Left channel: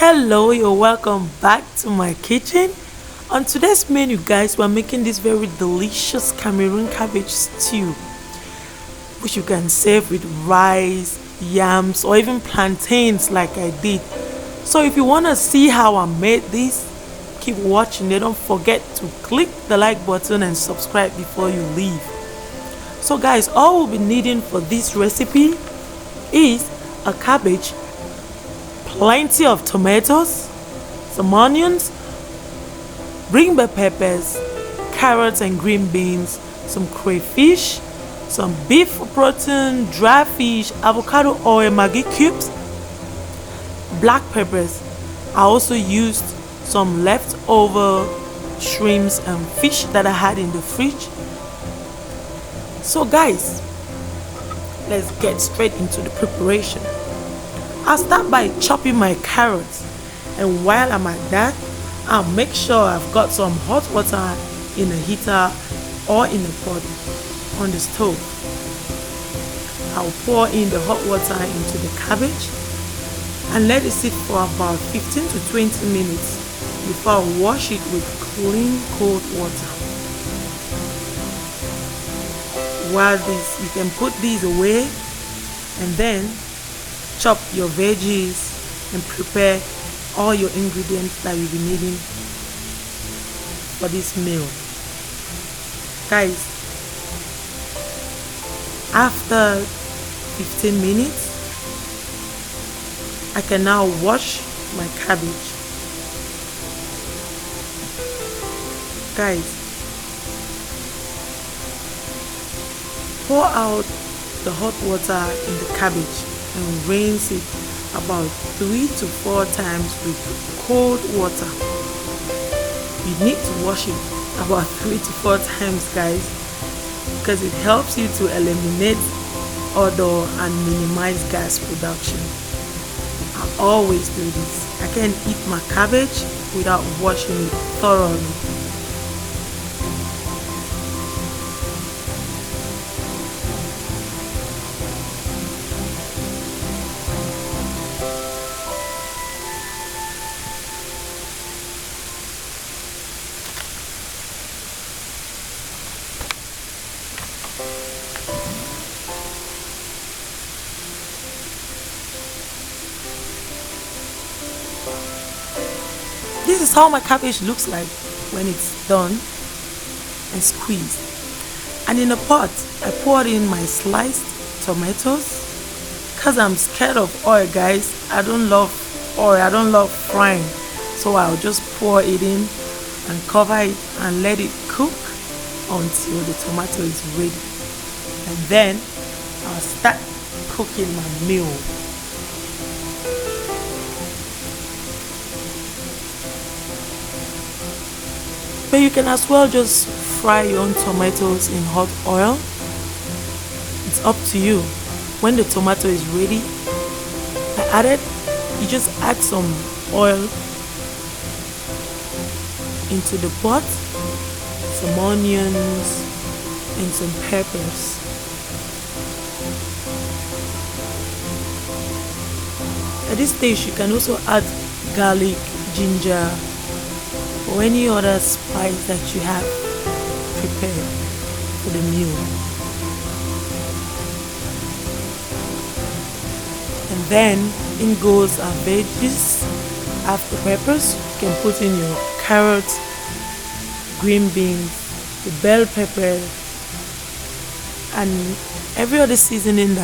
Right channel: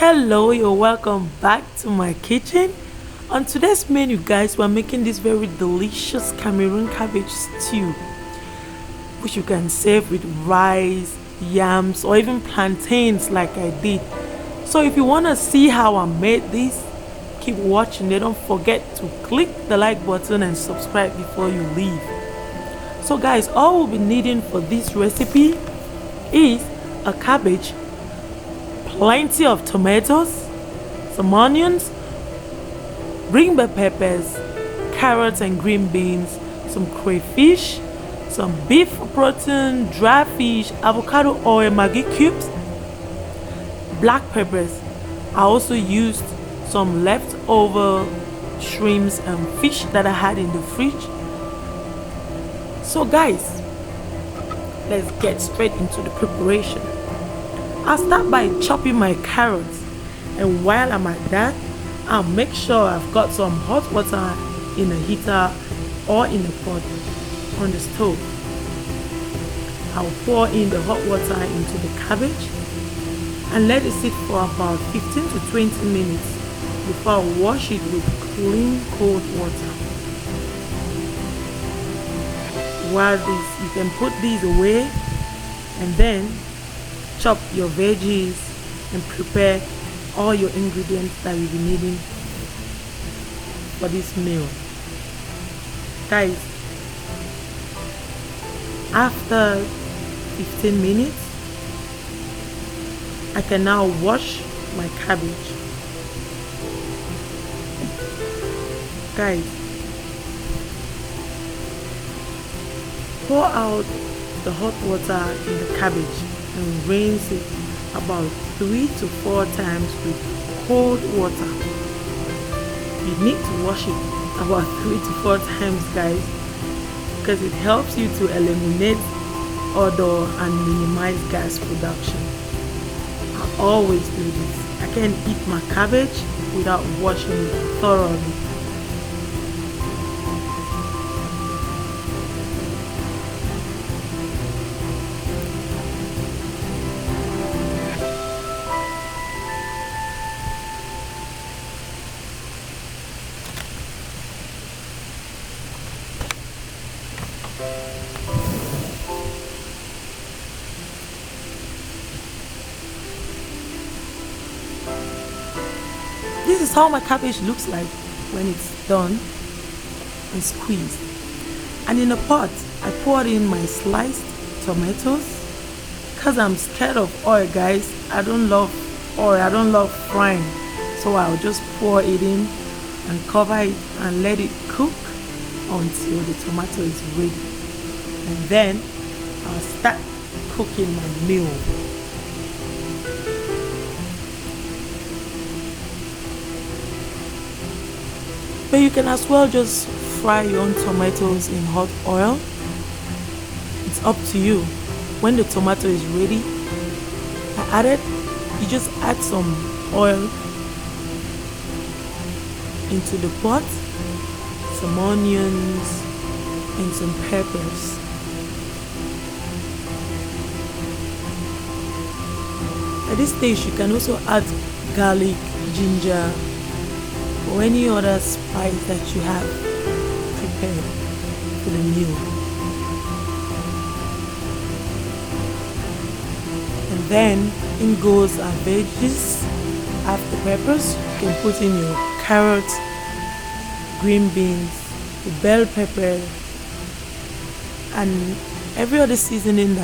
Hello, you're welcome back to my kitchen. On today's menu, guys, we're making this very delicious Cameroon cabbage stew, which you can serve with rice, yams, or even plantains like I did. So if you want to see how I made this, keep watching. Don't forget to click the like button and subscribe before you leave. So guys, all we'll be needing for this recipe is a cabbage, plenty of tomatoes, some onions, green bell peppers, carrots and green beans, some crayfish, some beef protein, dry fish, avocado oil, Maggi cubes, black peppers. I also used some leftover shrimps and fish that I had in the fridge. So guys, let's get straight into the preparation. I'll start by chopping my carrots, and while I'm at that, I'll make sure I've got some hot water in a heater or in a pot on the stove. I'll pour in the hot water into the cabbage and let it sit for about 15 to 20 minutes before I wash it with clean cold water. While you can put these away and then chop your veggies and prepare all your ingredients that you'll be needing for this meal. Guys, after 15 minutes, I can now wash my cabbage. Guys, pour out the hot water in the cabbage and rinse it about 3 to 4 times with cold water. You need to wash it about 3 to 4 times, guys, because it helps you to eliminate odor and minimize gas production. I always do this. I can't eat my cabbage without washing it thoroughly. This is how my cabbage looks like when it's done and squeezed. And in a pot, I poured in my sliced tomatoes because I'm scared of oil, guys. I don't love oil, I don't love frying. So I'll just pour it in and cover it and let it cook until the tomato is ready. And then I'll start cooking my meal. But you can as well just fry your own tomatoes in hot oil. It's up to you. When the tomato is ready, you just add some oil into the pot, some onions and some peppers. At this stage, you can also add garlic, ginger, or any other spice that you have prepared for the meal. And then in goes our veggies. After peppers, you can put in your carrots, green beans, the bell pepper, and every other seasoning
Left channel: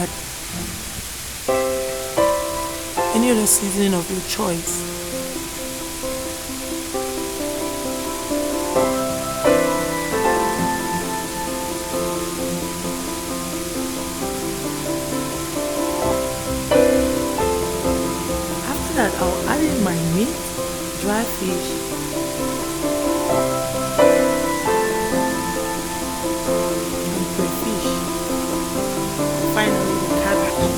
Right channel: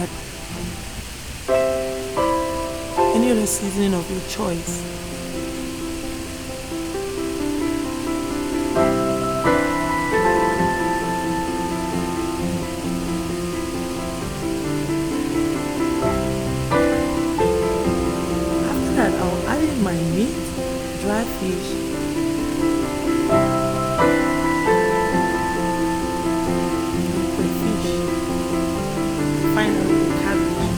any other seasoning of your choice. That I'll add in my meat, dry fish, and crayfish. Finally, the cabbage.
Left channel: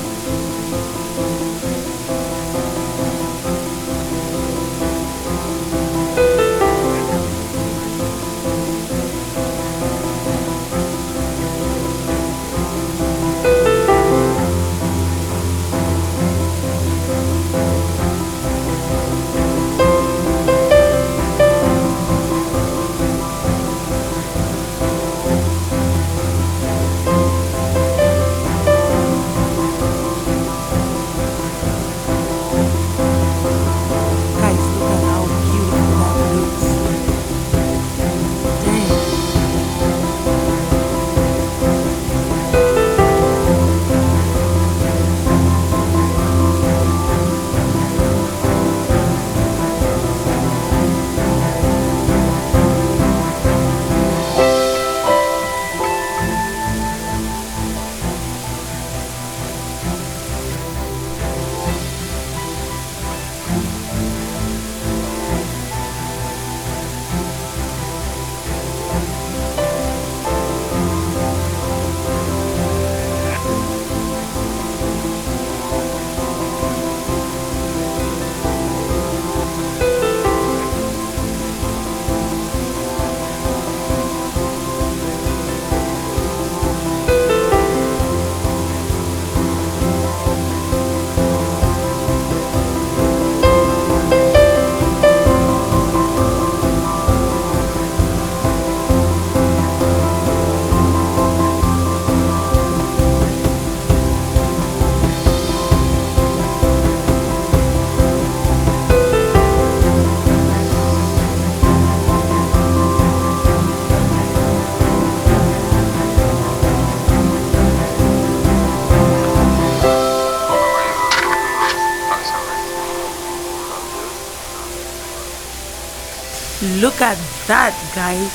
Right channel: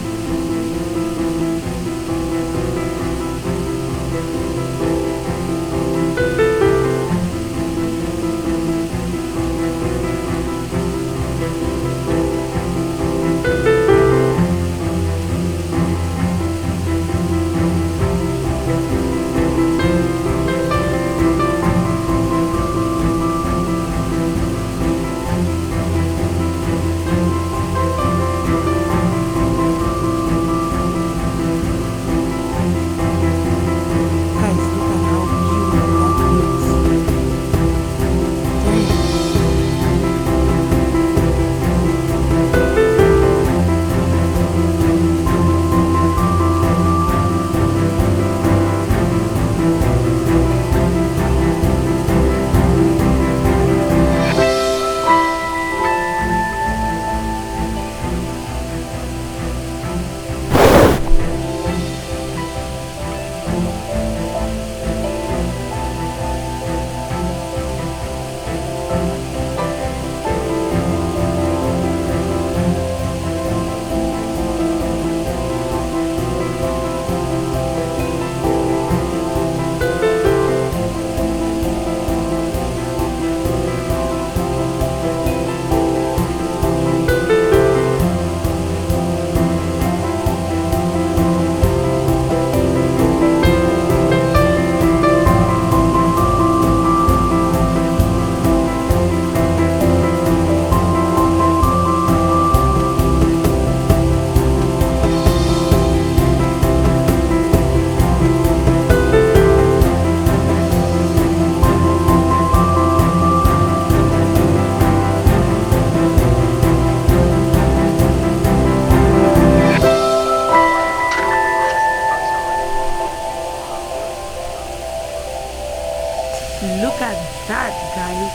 Look at that, guys.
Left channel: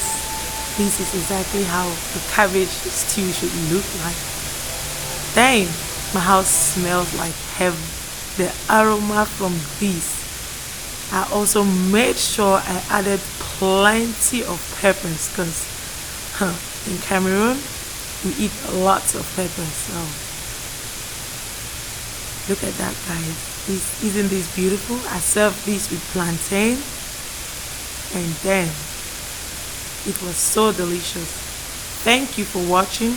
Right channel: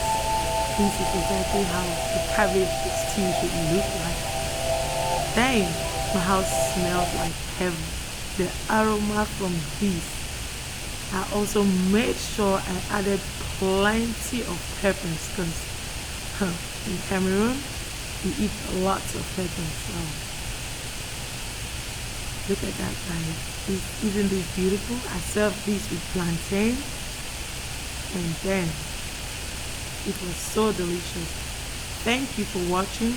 This is exactly how the cabbage stew should look like. Dang, my house smells like heaven. The aroma from this. I also made sure I added plenty of peppers because in Cameroon we eat lots of peppers. So look at that, guys. Isn't this beautiful? I served this with plantain, and then it was so delicious. Thank you for watching.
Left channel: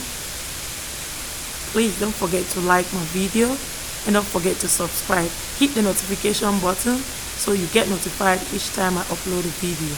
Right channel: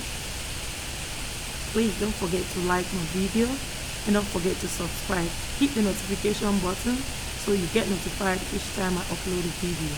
Please don't forget to like my video and don't forget to subscribe. Hit the notification button so you get notified each time I upload a video.